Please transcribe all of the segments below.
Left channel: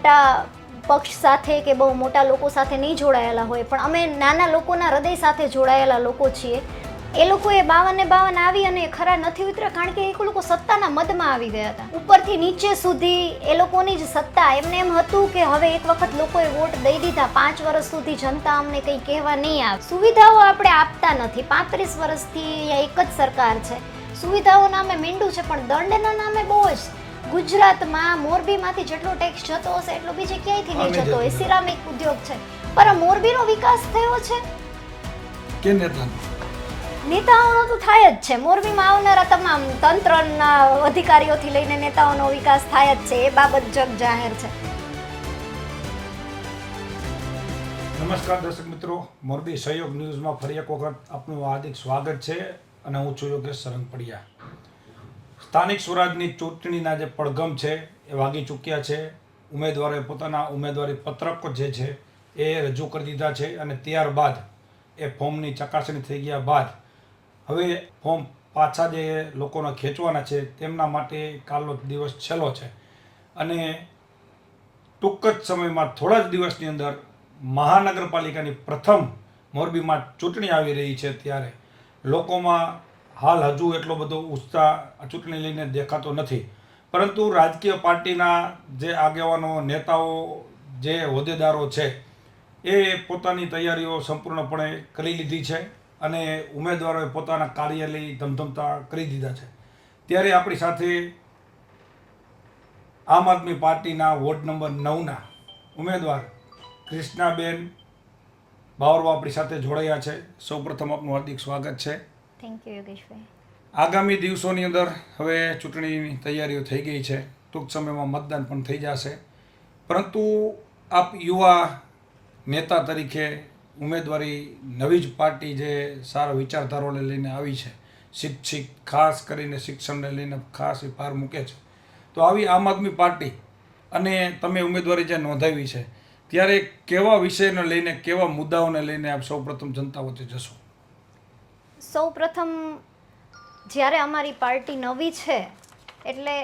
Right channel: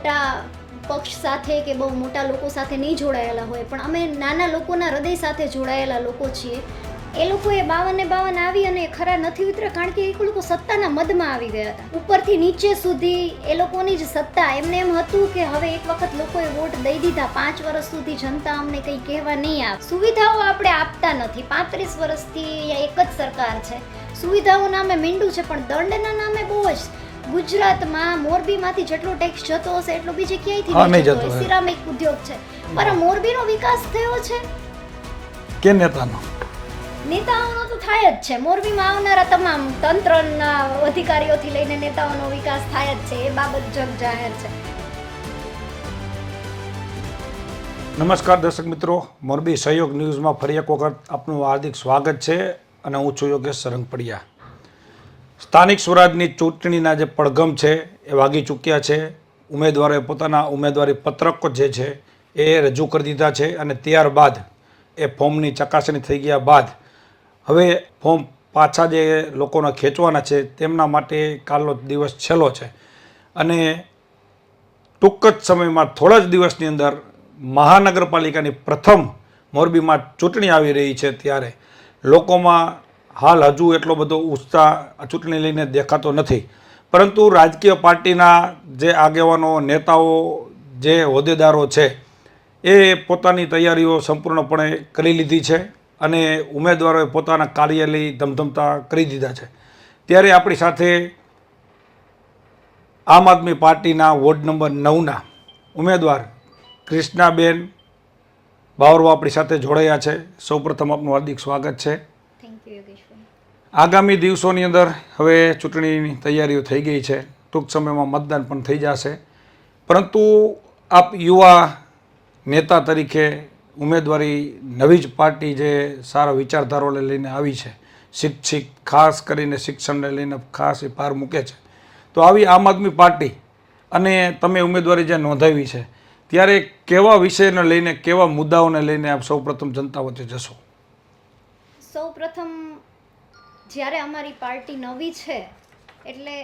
મોટા પક્ષ સાથે કે બહુ મોટા લોકો સાથે નહીં જોડાયેલા હોય, પણ અમે નાના લોકોના હૃદય સાથે જોડાયેલા લોકો છીએ. એ લોકોએ 52 આવી અને ખરા નથી ઉતર્યા, કારણ કે એ લોકો સત્તાના મદમાં આવી ગયા હતા. ઉપરથી નીચે સુધી એ લોકોની જ સત્તા. એમને એમ હતું કે હવે એક વખત લોકોએ વોટ દઈ દીધા, 5 વર્ષ સુધી જનતા અમને કંઈ કહેવા નહીં આવે. સુવિધાઓ આપણે આપતા નથી. 35 વર્ષથી એક જ સરકાર છે. સુવિધાઓ નામે મીંડું છે, પણ દંડના નામે બહુ જ. ગુજરાતમાં મોરબીમાંથી જેટલો ટેક્સ જતો હશે એટલું બીજે ક્યાંયથી નહીં જતો હોય. સિરામિક ઉદ્યોગ છે, પણ મોરબીનો વિકાસ થયો છે કે નેતાઓનો તો થાય જ છે. મોરબીમાં આવનારા તમામ તંત્રના અધિકારીઓથી લઈને નેતાઓનો વિકાસ થાય જ છે. એ બાબત જગ જાહેર છે. નમસ્કાર દર્શક મિત્રો, મોરબી સહયોગ ન્યૂઝમાં ફરી એક વખત આપનું હાર્દિક સ્વાગત છે અને હું છું યોગેશ સરંગપડિયા. સ્થાનિક સ્વરાજની ચૂંટણીના જે પડઘમ છે એ વાગી ચૂક્યા છે. ઉમેદવારોએ પોતાના ઉમેદવારી પત્રકો જે છે એ રજૂ કરી દીધા છે અને ત્યારબાદ એ ફોર્મની ચકાસણી થઈ ગયા બાદ હવે ફોર્મ પાછા જે લોકોને ખેંચવાના છે તેમના માટે કાલનો દિવસ છેલ્લો છે અને ટૂંક જ સમયમાં થોડા જ દિવસની અંદર મહાનગરપાલિકાની પ્રથમ મોરબીમાં ચૂંટણી આવી રહી છે. ત્યારે લોકોમાં હાલ હજુ એટલો બધો ઉત્સાહ ચૂંટણી લઈને દેખાતો નથી, પરંતુ રાજકીય પાર્ટીના જે આગેવાનો, નેતાઓ, જે હોદ્દેદારો છે એ પોતાની તૈયારીઓ સંપૂર્ણપણે કરી લીધી છે અને ઉમેદવારોએ પોતાના કાર્યાલય ધમધમતા કરી દીધા છે. ત્યારે આપણી સાથે આમ આદમી પાર્ટીના વોર્ડ નંબર 9ના ઉમેદવાર કૃષ્ણાબેન બાવરવા આપણી સાથે જોડાયા છે. સૌપ્રથમ આપનું હાર્દિક સ્વાગત છે. થેન્ક યુ યોગેશભાઈ. આગામી દિવસોની અંદર હવે ચૂંટણીની તૈયારીઓ થઈ ગઈ છે. ટૂંક સમયમાં મતદાન પણ થઈ જશે, પરંતુ આપ યુવા નેતા તરીકે ઉમેદવારી નવી જ પાર્ટી જે સારા વિચારધારાઓને લઈને આવી છે, શિક્ષિત ખાસ કરીને શિક્ષણને લઈને ખાસ એ ભાર મૂકે છે, તો આવી આમ આદમી પાર્ટી અને તમે ઉમેદવારી જે નોંધાવી છે ત્યારે કેવા વિષયને લઈને, કેવા મુદ્દાઓને લઈને આપ સૌપ્રથમ જનતા વચ્ચે જશો? સૌપ્રથમ જ્યારે અમારી પાર્ટી નવી છે એટલે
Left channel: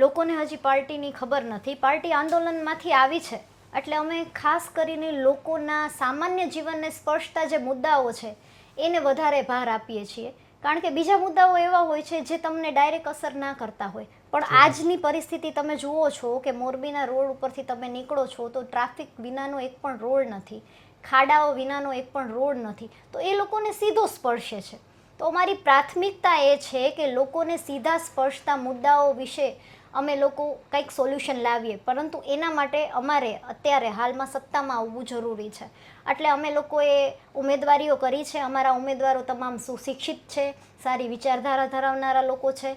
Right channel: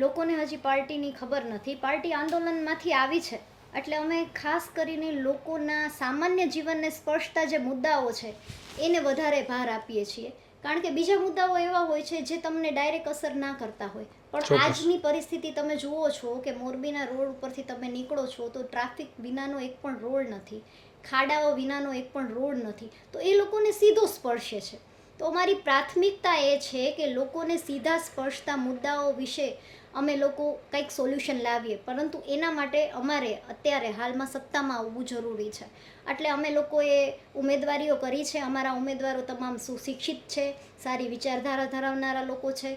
લોકોને હજી પાર્ટીની ખબર નથી. પાર્ટી આંદોલનમાંથી આવી છે એટલે અમે ખાસ કરીને લોકોના સામાન્ય જીવનને સ્પર્શતા જે મુદ્દાઓ છે એને વધારે ભાર આપીએ છીએ, કારણ કે બીજા મુદ્દાઓ એવા હોય છે જે તમને ડાયરેક્ટ અસર ના કરતા હોય. પણ આજની પરિસ્થિતિ તમે જુઓ છો કે મોરબીના રોડ ઉપરથી તમે નીકળો છો તો ટ્રાફિક વિનાનો એક પણ રોડ નથી, ખાડાઓ વિનાનો એક પણ રોડ નથી, તો એ લોકોને સીધો સ્પર્શે છે. તો અમારી પ્રાથમિકતા એ છે કે લોકોને સીધા સ્પર્શતા મુદ્દાઓ વિશે અમે લોકો કંઈક સોલ્યુશન લાવીએ, પરંતુ એના માટે અમારે અત્યારે હાલમાં સત્તામાં આવવું જરૂરી છે. એટલે અમે લોકોએ ઉમેદવારીઓ કરી છે. અમારા ઉમેદવારો તમામ સુશિક્ષિત છે, સારી વિચારધારા ધરાવનારા લોકો છે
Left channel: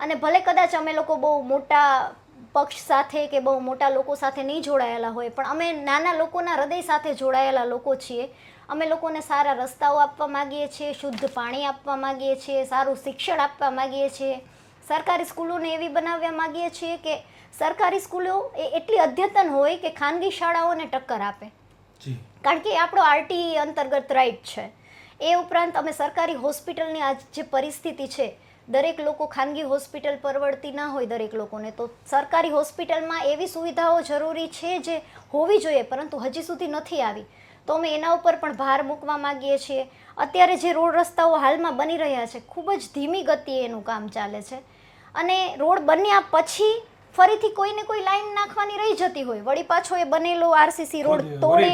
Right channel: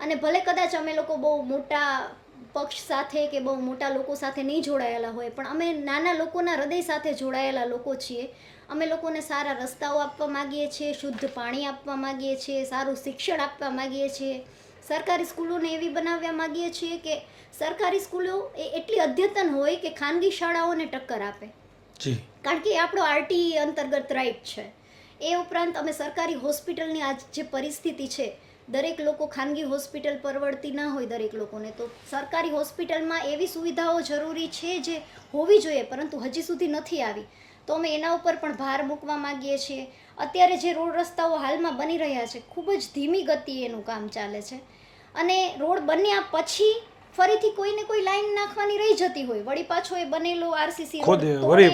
અને ભલે કદાચ અમે લોકો બહુ મોટા પક્ષ સાથે કે બહુ મોટા લોકો સાથે નહીં જોડાયેલા હોય, પણ અમે નાના લોકોના હૃદય સાથે જોડાયેલા લોકો છીએ. અમે લોકોને સારા રસ્તાઓ આપવા માગીએ છીએ, શુદ્ધ પાણી આપવા માગીએ છીએ, સારું શિક્ષણ આપવા માગીએ છીએ, સરકારી સ્કૂલોને એવી બનાવવા માગીએ છીએ કે સરકારી સ્કૂલો એ એટલી અદ્યતન હોય કે ખાનગી શાળાઓને ટક્કર આપે, કારણ કે એ આપણો આરટીઈ અંતર્ગત રાઇટ છે. એ ઉપરાંત અમે સરકારી હોસ્પિટલની આજ જે પરિસ્થિતિ છે, દરેક લોકો ખાનગી હોસ્પિટલ પરવડતી ના હોય દરેક લોકોને, તો સરકારી હોસ્પિટલમાં એવી સુવિધાઓ જરૂરી છે જે હોવી જોઈએ પરંતુ હજી સુધી નથી આવી, તો અમે એના ઉપર પણ ભાર મૂકવા માગીએ છીએ. અત્યારે જે રોડ રસ્તાઓ હાલમાં બની રહ્યા છે ખૂબ જ ધીમી ગતિએ એનું કામ ચાલે છે અને રોડ બન્યા પછી ફરીથી કોઈને કોઈ લાઈન નાખવાની રહી જતી હોય, વળી પાછો એ બનેલો આરસીસી રોડ તોડે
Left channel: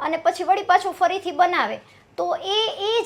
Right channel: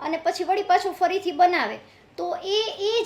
અને પછી વળી પાછો ફરીથી બનાવે, તો એ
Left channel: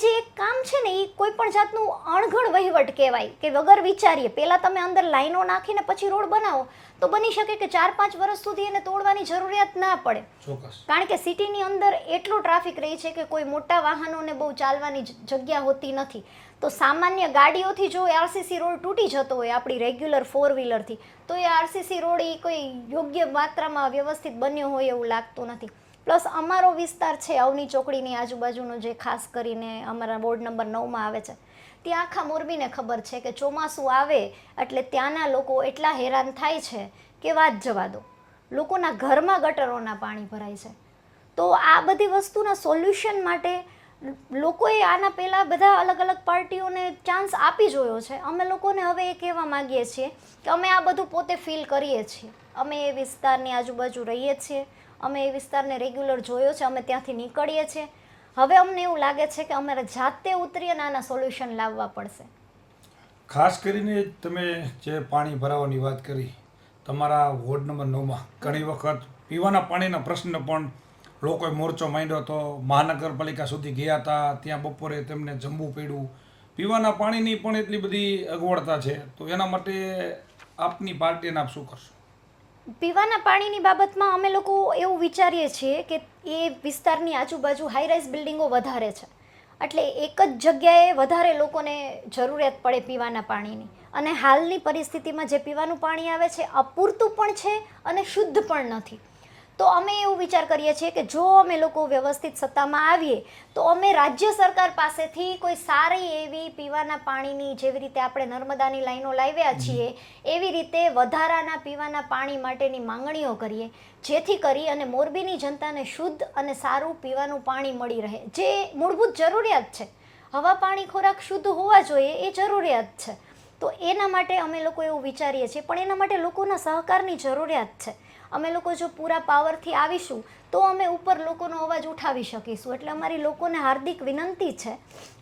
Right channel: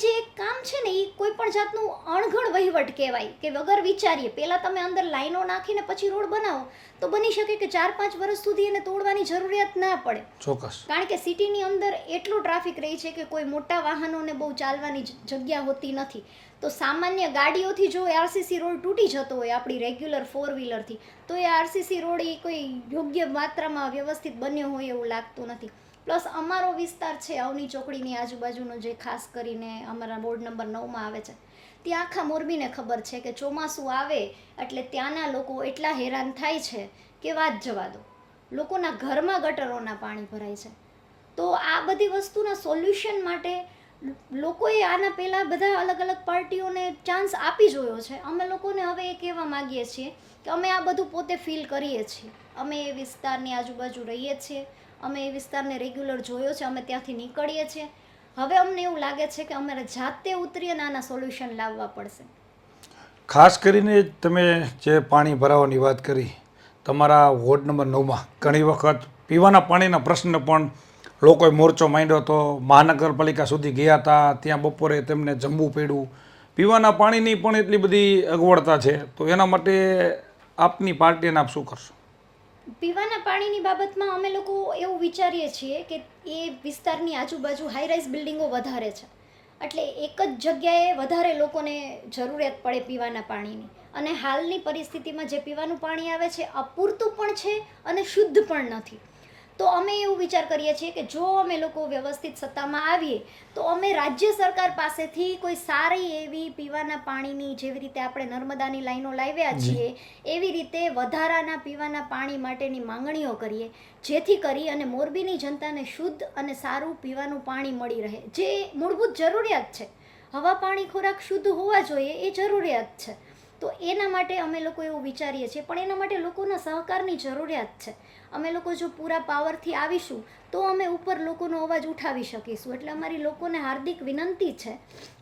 જે કામ છે ને એ કોઈ પણ જાતનું અણઘડ વહીવટ કહેવાય કે વગર વિચારીએ પહેલાં તમે અંદર લાઈનો નાખીને પછી રોડ બનાવો તો બની શકે કે 4-5 વર્ષ સુધી એને તોડવાની જરૂરિયાત ના પડે. ચોક્કસ. કારણ કે સિટીની અંદર એટલો ટ્રાફિક રહે છે કે કોઈ મોટા વાહનોને બહુ ચાલવાની જગ્યા હોતી નથી, તો સામાન્ય ગાડીઓથી જો આરસીસી રોડ તૂટી જતો હોય આપણી રેગ્યુલર 4 વ્હીલરથી, તો એ આરસીસી રોડ એ કોઈ યોગ્ય માત્રામાં વ્યવસ્થિત બન્યો હોય એવું લાગતું નથી. પ્લસ અમારો વિસ્તાર છે અવની ચોકડીની આજુબાજુનો, જે ખાસ કરીને અમારા વોર્ડ નંબર 9માં આવે છે, ત્યાં આખા મોરબીને ખબર છે કે ચોમાસું આવે એટલે ત્યાંના લોકો એટલા હેરાન થાય છે કે વાત જવા દો. લોકોના ઘરમાં ગટરોના પાણી ભરાય છે. તો આ બધી વસ્તુના સોલ્યુશન માટે લોકોએ આના પહેલાં બધા અલગ અલગ પાર્ટીઓને ચાન્સ આપી જોયો છે. અમે લોકોને હવે એ કહેવા માગીએ છીએ કે અમે આ બધું પોતે ફીલ કરીએ છીએ. અમે એ વિસ્તારની આજુબાજુ રહીએ છીએ, અમે એ વિસ્તારને રેગ્યુલર જોયો છે, અમે ત્યાંથી નીકળીએ છીએ. હવે અમને એવું લાગે છે કે અમારે જાતે ઉતરી અને આના સોલ્યુશન લાવવા પડશે. ખાસ કરીને તમે જે પાણી ભરાવાની વાત કરી, તમારા વોર્ડ નંબર 9માં ઘણી વખત પીવાના પાણીના પ્રશ્ન પણ લોકોએ મોરચો માંડ્યો હતો, મહાનગરપાલિકા સુધી ગયા હતા, ત્યાં બપોરે તેમને જમવું પડ્યું. પીવાના પાણીની પણ એટલી બધી અગવડતા છે, તો એના માટે આપની પાર્ટીને આપ શું કરશો? પીવાના પાણીની બાબતમાં અમે લોકો એવું વિચારીએ છીએ કે એ વિસ્તારની આજુબાજુ હાઈરાઇઝ બિલ્ડિંગો વધારે છે, એટલે એક જ જગ્યાએ વધારે લોકોને જરૂરિયાત પડે પીવાના પાણીની. અને હાલની પરિસ્થિતિમાં જે પીવાનું પાણી આવે છે અપૂરતું પણ છે અને શુદ્ધ પણ નથી. તો અમે એવું વિચાર કરીએ છીએ કે જો અમે લોકો વ્યવસ્થિત સત્તામાં આવીએ તો અમે રાજ્ય સરકાર પાસેથી કોઈ સારી એવી પીવાના પાણીની, જેવી રીતે આપણે નર્મદાની લાઈનો લાવ્યા છીએ એવી રીતે વધારાના પીવાના પાણી માટેની માંગણીઓ કરીએ, જેથી કરી અને મોરબીની જનતાને શુદ્ધ અને સારું પીવાનું પાણી મળી રહે, જે મૂળભૂત જરૂરિયાત છે. હવા, પાણી, ખોરાક શુદ્ધ હોવા જોઈએ એ જરૂરિયાત છે. તો એના માટે અમે લોકો એવું વિચારીએ છીએ, પણ એના માટે લોકોના સહકારની જરૂરિયાત છે. અમે લોકો જો પૂરા પાવરથી આવીશું તો અમે ઉપર લોકોનો અવાજ ઉઠાવી શકીશું. એટલે અમારી લોકોને હાર્દિક વિનંતી છે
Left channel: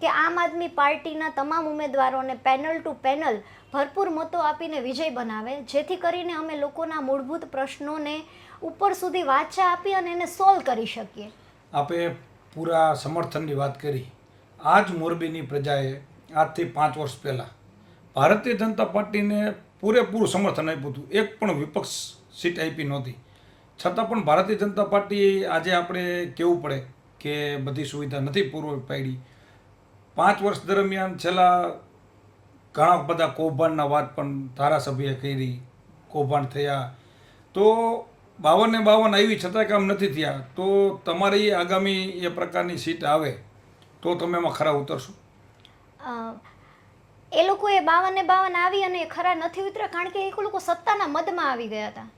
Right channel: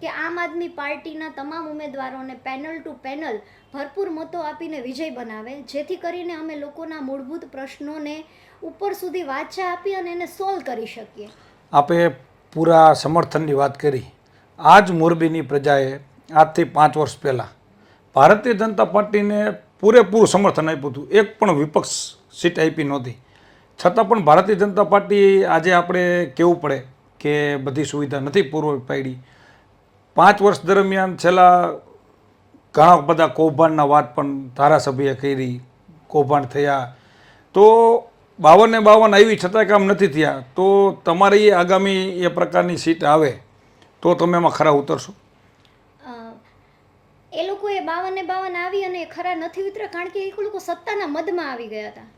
કે આમ આદમી પાર્ટીના તમામ ઉમેદવારોને પેનલ ટુ પેનલ ભરપૂર મતો આપીને વિજય બનાવે, જેથી કરીને અમે લોકોના મૂળભૂત પ્રશ્નોને ઉપર સુધી વાચા આપી અને એને સોલ્વ કરી શકીએ. આપે પૂરા સમર્થનની વાત કરી. આજ મોરબીની પ્રજાએ આજથી 5 વર્ષ પહેલાં ભારતીય જનતા પાર્ટીને પૂરેપૂરું સમર્થન આપ્યું હતું. એક પણ વિપક્ષ સીટ આપી નહોતી. છતાં પણ ભારતીય જનતા પાર્ટી આજે આપણે કહેવું પડે કે બધી સુવિધા નથી પૂરી પાડી. 5 વર્ષ દરમિયાન છેલ્લા ઘણા બધા કૌભાંડના વાત પણ ધારાસભ્યએ કરી, કૌભાંડ થયા. તો 52 આવી છતાં કામ નથી થયા. તો તમારી આગામી એ પ્રકારની સીટ આવે તો તમે એમાં ખરા ઉતરશો? એ લોકોએ 52 આવી અને ખરા નથી ઉતર્યા, કારણ કે એ લોકો સત્તાના મદમાં આવી ગયા હતા.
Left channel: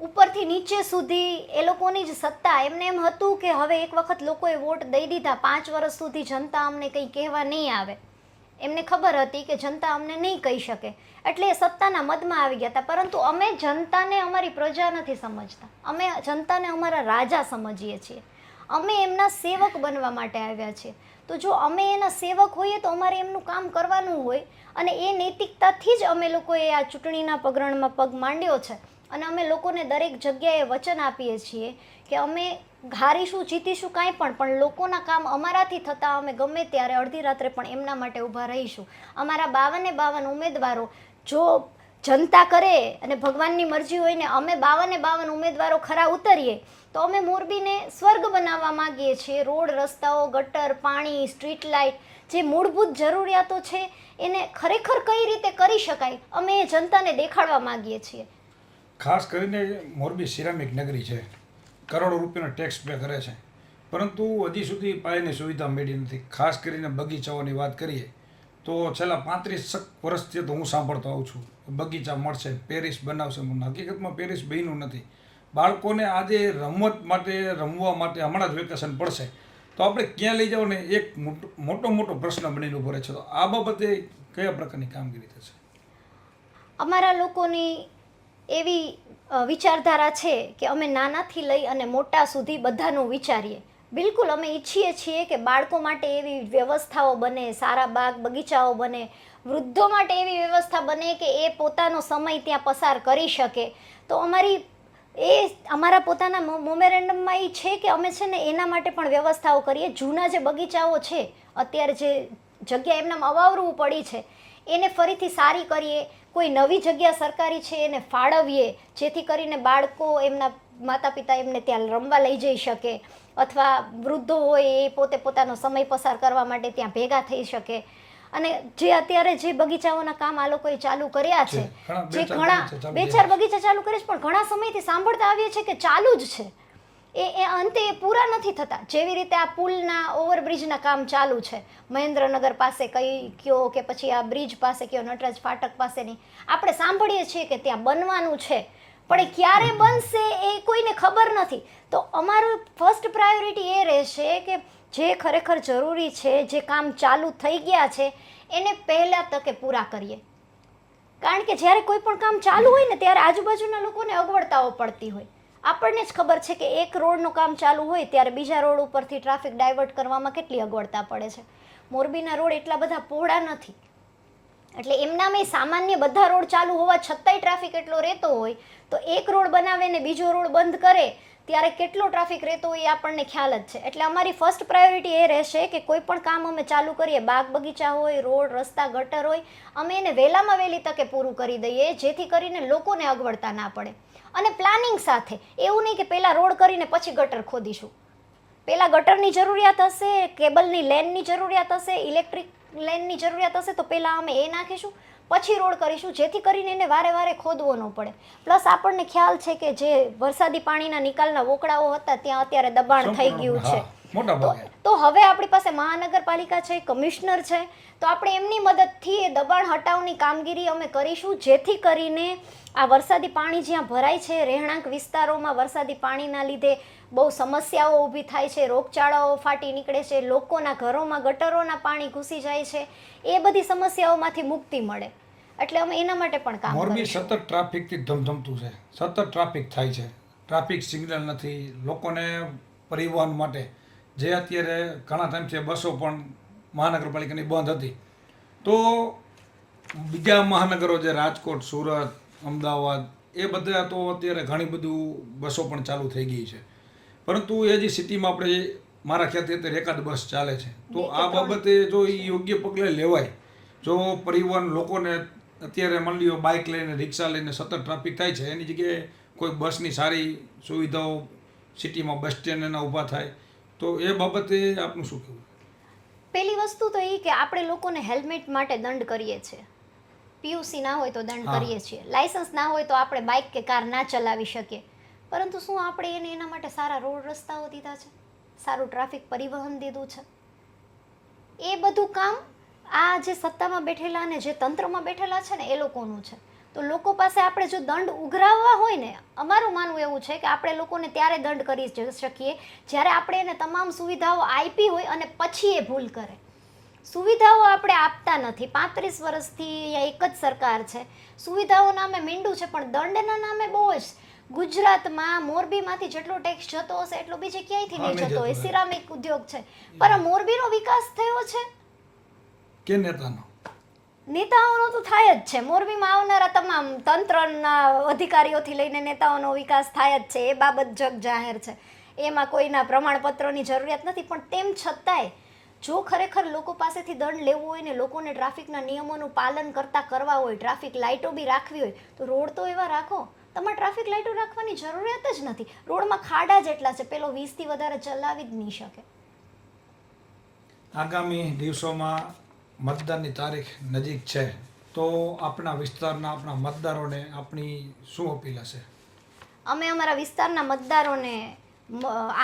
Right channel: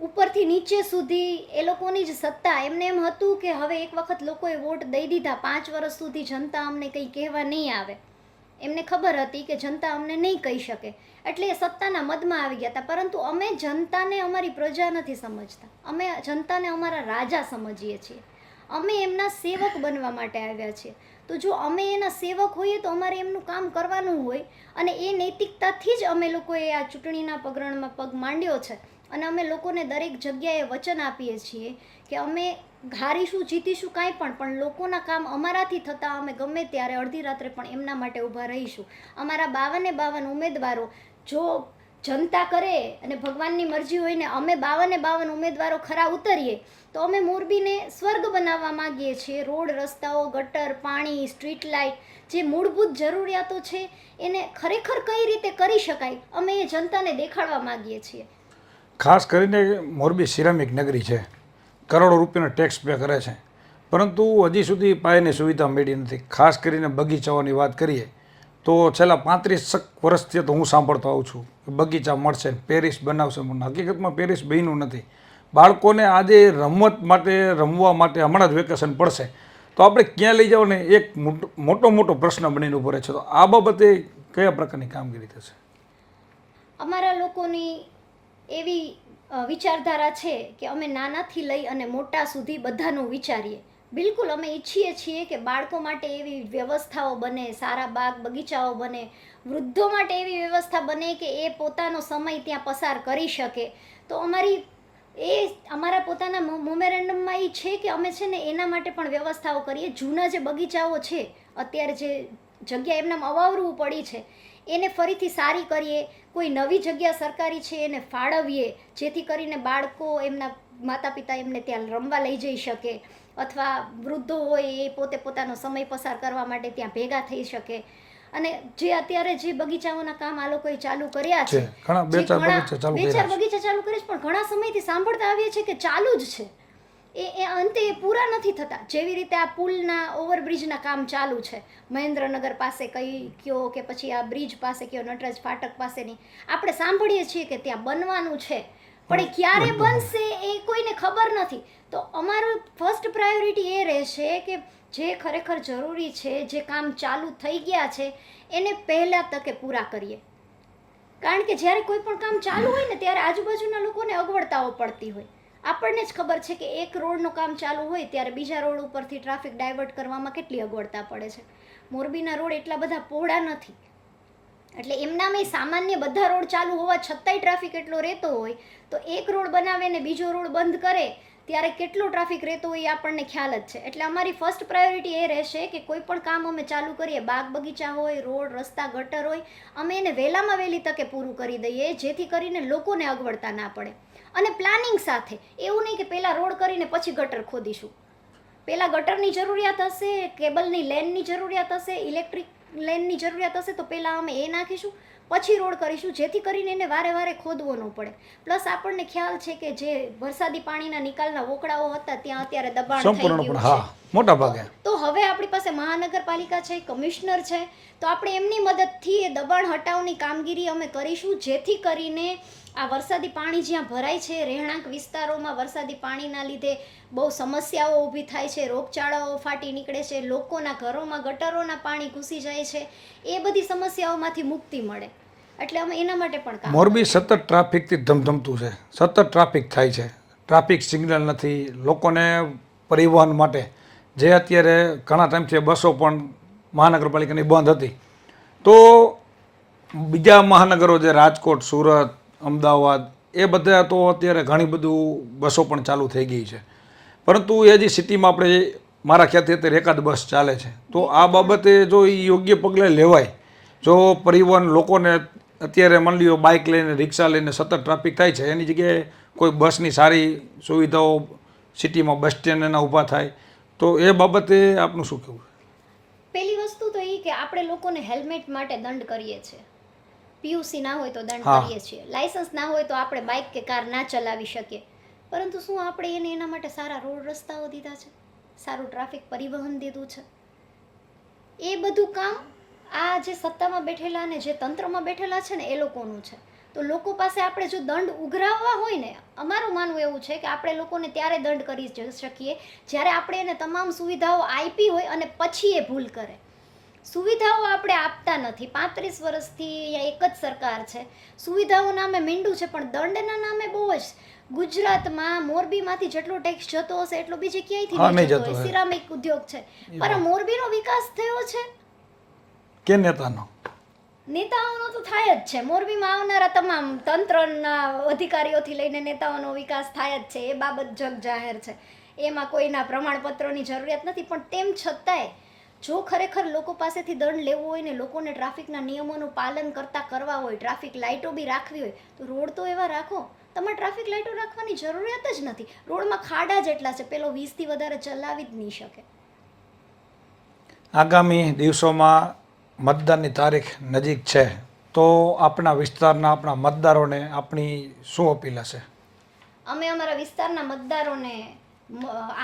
ઉપરથી નીચે સુધી એ લોકોની જ સત્તા. એમને એમ હતું કે હવે એક વખત લોકોએ વોટ દઈ દીધા, 5 વર્ષ સુધી જનતા અમને કંઈ કહેવા નહીં આવે. એમને ખબર હતી કે જનતા અમને નહીં કહી શકે, એટલે એ સત્તાના મદમાં આવી ગયા હતા. પરંતુ અમે જનતાને અમારી પ્રજા નથી સમજતા, અમે જનતાને અમારા રાજા સમજીએ છીએ. અમે એમના સેવક બનવા માટે આવ્યા છીએ. તો જો અમે એના સેવક હોઈએ તો અમારે એમનું કામ કરવાનું હોય, અને એ નૈતિકતાથી જ અમે લોકોએ આ ચૂંટણીના પગરણમાં પગ માંડ્યો છે. અને અમે લોકોને દરેક જગ્યાએ વચન આપીએ છીએ કે અમે હારીશું, જીતીશું, કાંઈ પણ લોકોના કામ અમારાથી થતાં અમે ગમે ત્યારે અડધી રાત્રે પણ એમના માટે ઊભા રહીશું. અમારા 52 ઉમેદવારો જો જનતા કરે અને ભગવાનની મરજી હોય ને અમે 52 ઉમેદવારો ખરા ઉતરીએ તો અમે મોરબીને સ્વર્ગ બનાવવા માંગીએ છીએ. રોડ, રસ્તાઓ, ગટર, પાણી, સ્ટ્રીટ લાઇટ, જે મૂળભૂત જરૂરિયાતો છે એને ખરેખર કઈ રીતે કરી શકાય અમે એ જનતાને દેખાડવા માંગીએ છીએ. ખાસ કરીને મોરબી સિરામિક નગરી છે, કરોડો રૂપિયાનો ટેક્સ પે કરે છે, પરંતુ હજી સુધી પાયાની સુવિધા મળી નથી. ખાસ કરીને બગીચાઓની વાત કરીએ તો છેલ્લા 35 વર્ષથી તો હું સાંભળતો આવું છું કે બગીચા મળશે, પેરિસ બનાવશે. હકીકતમાં પેરિસ બન્યું નથી. બાળકોને આજે રમત માટે, રમવા માટે હમણાં જ વેકેશન પડશે તો આપણે ક્યાં લઈ જાવ ને એક મોટો પ્રશ્ન બનીને ઉભો રહે છે. તો આ બાબતે કયા પ્રકારની કામગીરી થશે? અમારા લોકોની એવી વિચારધારા છે કે અમે નાનાથી લઈ અને મોટા સુધી બધાનું વિચારીએ. બિલકુલ અમે ઈચ્છીએ છીએ કે બાળકો માટે એવી વ્યવસ્થાઓ બને, સારા બાગ બગીચાઓ બને, વૃદ્ધો માટે એવી વ્યવસ્થા બને કે એ પોતાનો સમય ત્યાં પસાર કરી શકે. તો અમારા પોતાના મેમોરેન્ડમમાં એ છે કે અમે છે ને એના માટે પણ વ્યવસ્થાઓ કરીએ. જૂના જે બગીચાઓ છે, અત્યારે જે જગ્યા એમનામ અવાવરું પડી છે એને ફરીથી સારી કરીએ. કોઈ નવી જગ્યા સરકારી છે એને ફાળવીએ, જેથી કરીને બાળકો, એમના માતા પિતા એમને ત્યાં રમવા લઈ જઈ શકે, અથવા વૃદ્ધો હોય એ પોતે પોતાનો સમય પસાર કરવા માટે ત્યાં ભેગા થઈ શકે. અને જે અત્યારે જે બગીચાઓના કામ આ લોકોએ ચાલુ કર્યા છે, બે ચાર બગીચા ચાલુ કરે છે, પણ ઘણા સમયથી સાંભળતા આવ્યા છે કે ચાલુ જ છે, એ અંતે એ પૂરા નથી થતા. જેવી રીતે આ પુલના, ઓવરબ્રિજના કામ ચાલુ છે મહેન્દ્રનગર પાસે કયો કે પછી આ બ્રિજ પાસે કયો, નટરાજ ફાટક પાસેની, આપણે સાંભળીએ છીએ કે ત્યાં બનવાનું છે, પણ એ ક્યારે બનશે એ કોઈને ખબર નથી. તો અમારું ફર્સ્ટ પ્રાયોરિટી એ રહેશે કે જે ખરેખર જરૂરી છે, જે કામ ચાલુ થઈ ગયા છે એને પહેલા તકે પૂરા કરીએ. કારણ કે જ્યારે કોઈ પણ કામ ચાલુ હોય ને ત્યારે આજુબાજુના લોકોને અગવડતાઓ પડતી હોય. આપણને જ ખબર છે કે એક રોડનું કામ ચાલુ હોય ત્યારે બીજા રોડ ઉપરથી ટ્રાફિક ડાયવર્ટ કરવામાં કેટલી અગવડતા પડે છે. મોરબીના રોડ એટલા બધા પહોળા નથી, એટલે એમનામાં સામાન્ય બધા રોડ ચાલુ હોવા છતાંય ટ્રાફિક એટલો રહેતો હોય તો એક રોડ બનાવે ને બીજો રોડ બંધ કરે ત્યારે કેટલો ટ્રાફિક રહેતો હોય એ આપણને ખ્યાલ જ છે. એટલે અમારી ફર્સ્ટ પ્રાયોરિટી એ રહેશે કે કોઈ પણ કામ અમે ચાલુ કરીએ, બાગ બગીચા હોય, રોડ રસ્તા ગટર હોય, અમે એને વહેલામાં વહેલી તકે પૂરું કરી દઈએ જેથી કરીને લોકોને અગવડતા ના પડે. અને પ્લાનિંગ સાથે, એવું નહીં કે પહેલાં રોડ કરીને પછી ગટર ખોદીશું. પહેલાં ગટરની જરૂરિયાત હશે, કેબલની લેનની જરૂરિયાત હશે, ઇલેક્ટ્રિક લેનની જરૂરિયાત હશે તો પહેલાં અમે એ નાખીશું, પછી રોડ કરીશું જેથી કરીને એને વારે વારે ખોદવો ન પડે. પ્લસ આપણને ખ્યાલ છે કે જે વરસાદી પાણીના નિકાલના વોકળાઓ હતા ત્યાં અત્યારે દબાણ થઈ ગયું છે મોટા ભાગે. તો હવે આપણી પાસે મહાનગરપાલિકા છે, કમિશનર છે, તો આપણે એમની મદદથી એ દબાણ હટાવની કામગીરી અમે કરીશું જેથી કરીને આ વરસાદી પાણી જ્યાં ભરાય છે, રહેણાંક વિસ્તારોમાં વરસાદી પાણીના લીધે બહુ સમસ્યાઓ ઊભી થાય છે, રોગચાળાઓ ફાટી નીકળે છે, લોકોના ઘરોમાં ગટરોના પાણી ઘૂસી જાય છે, એ બધી સમસ્યાઓમાંથી મુક્તિ મળે. એટલે અમે એના માટે પણ કામ. મોરબી સતત ટ્રાફિકથી ધમધમતું છે, સતત ટ્રાફિક થાય છે, ટ્રાફિક સિગ્નલ નથી, લોકોને પરિવહન માટે જે અત્યારે ઘણા ટાઈમથી બસો પણ મહાનગરપાલિકાની બંધ હતી, તો બીજા મહાનગરો જે રાજકોટ, સુરત, અમદાવાદ એ બધા તો અત્યારે ઘણી બધું બસો પણ ચાલુ થઈ ગઈ છે, પરંતુ એ જે સિટીમાં આપણે મારા ખ્યાલથી અત્યારે એકાદ બસ ચાલે છે. તો આ બાબતે જો એ યોગ્ય પગલાં લેવાય, જો પરિવહન લોકોને અત્યારે માની લ્યો બાઇક લઈને, રિક્ષા લઈને સતત ટ્રાફિક થાય છે, એની જગ્યાએ કોઈ બસની સારી સુવિધાઓ સિટીમાં બસ સ્ટેન્ડ એના ઊભા થાય તો એ બાબતે આપનું શું કહેવું? પહેલી વસ્તુ તો એ કે આપણે લોકોને હેલ્મેટ માટે દંડ કરીએ છીએ. પીયુસી ના હોય તો દંડ કરીએ છીએ, લાયસન્સ ના હોય તો આપણે બાઇક કે કાર ના ચલાવી શકીએ, પરંતુ શું આપણે એને એના માટે સારા રોડ રસ્તાઓ દીધા છે, સારું ટ્રાફિક પરિવહન દીધું છે? એ બધું કામ આ જે સત્તામાં બેઠેલા ને જે તંત્રમાં બેઠેલા છે ને એ લોકોનું છે. તો લોકો પાસે આપણે જો દંડ ઉઘરાવવા હોય ને, અમારું માનવું એવું છે કે આપણે લોકોને ત્યારે દંડ કરી શકીએ જ્યારે આપણે એને તમામ સુવિધાઓ આપી હોય અને પછી એ ભૂલ કરે. સુવિધાઓ આપણે આપતા નથી. 35 વર્ષથી અહીંયા એક જ સરકાર છે, સુવિધાઓ નામે મીંડું છે પણ દંડના નામે બહુ જ. ગુજરાતમાં મોરબીમાંથી જેટલો ટેક્સ જતો હશે એટલો બીજે ક્યાંયથી નહીં જતો હોય. સિરામિક ઉદ્યોગ છે, પણ મોરબીનો વિકાસ થયો છે કે નેતાનો? નેતાઓનો તો થાય જ છે. મોરબીમાં આવનારા તમામ તંત્રના અધિકારીઓથી લઈને નેતાઓનો વિકાસ થાય જ છે, એ બાબત જગ જાહેર છે, એમાં કોઈના પ્રમાણપત્રોની જરૂરિયાત નથી. પણ તેમ છતાંય જો ખરેખર લોકો પાસેથી દંડ લેવું હોય ને લોકોને ટ્રાફિકના નિયમોનું પાલન કરવા હોય, ટ્રાફિક લાઇટો બી રાખવી હોય તો રોડ તો એવા રાખો. તમારે ટ્રાફિક લાઇટો રાખવાની જરૂરિયાત જ નથી, રોડમાં ખાડા જેટલા છે, પેલો 20થી વધારે ચલાવી જ નહીં શકે. આગામી દિવસોમાં મતદાનની તારીખ નજીક છે, તો આપણા વિસ્તારના આપણા મતદારોને આપણી શું અપીલ હશે? અમે અમારા વિસ્તારના મતદારોને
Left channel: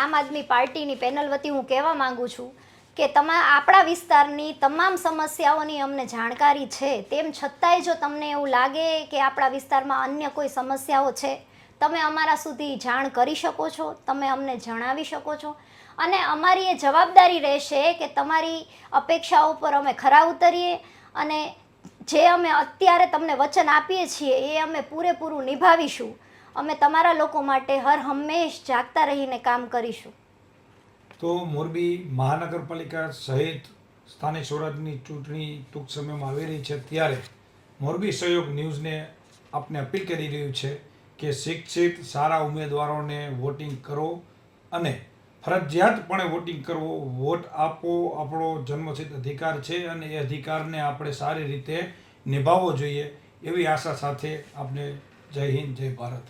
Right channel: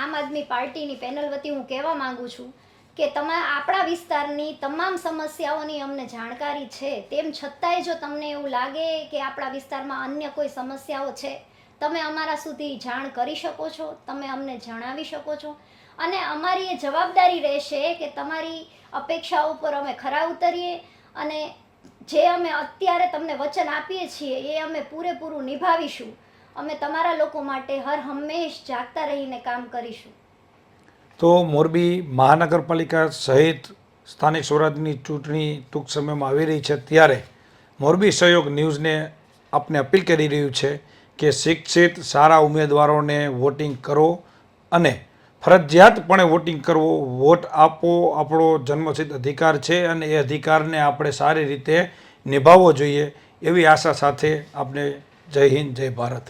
આમ આદમી પાર્ટીની પેનલ વતી હું કહેવા માંગુ છું કે આપણા વિસ્તારની તમામ સમસ્યાઓની અમને જાણકારી છે, તેમ છતાંય જો તમને એવું લાગે કે આપણા વિસ્તારમાં અન્ય કોઈ સમસ્યાઓ છે, તમે અમારા સુધી જાણ કરી શકો છો, તમે અમને જણાવી શકો છો. અને અમારી એ જવાબદારી રહેશે કે તમારી અપેક્ષાઓ પર અમે ખરા ઉતરીએ અને જે અમે અત્યારે તમને વચન આપીએ છીએ એ અમે પૂરેપૂરું નિભાવીશું. અમે તમારા લોકો માટે હર હંમેશ જાગતા રહીને કામ કરીશું. તો મોરબી મહાનગરપાલિકા સહિત સ્થાનિક સ્વરાજની ચૂંટણી ટૂંક સમયમાં આવી રહી છે, ત્યારે મોરબી સહયોગ ન્યૂઝને આપને અપીલ કરી રહ્યું છે કે શિક્ષિત સારા ઉમેદવારોને વોટિંગ કરો અને ફરજિયાતપણે વોટિંગ કરવો. વોટ આપવો આપણો જન્મસિદ્ધ અધિકાર છે અને એ અધિકારને આપણે સારી રીતે નિભાવવો જોઈએ, એવી આશા સાથે આપણે જય હિન્દ, જય ભારત.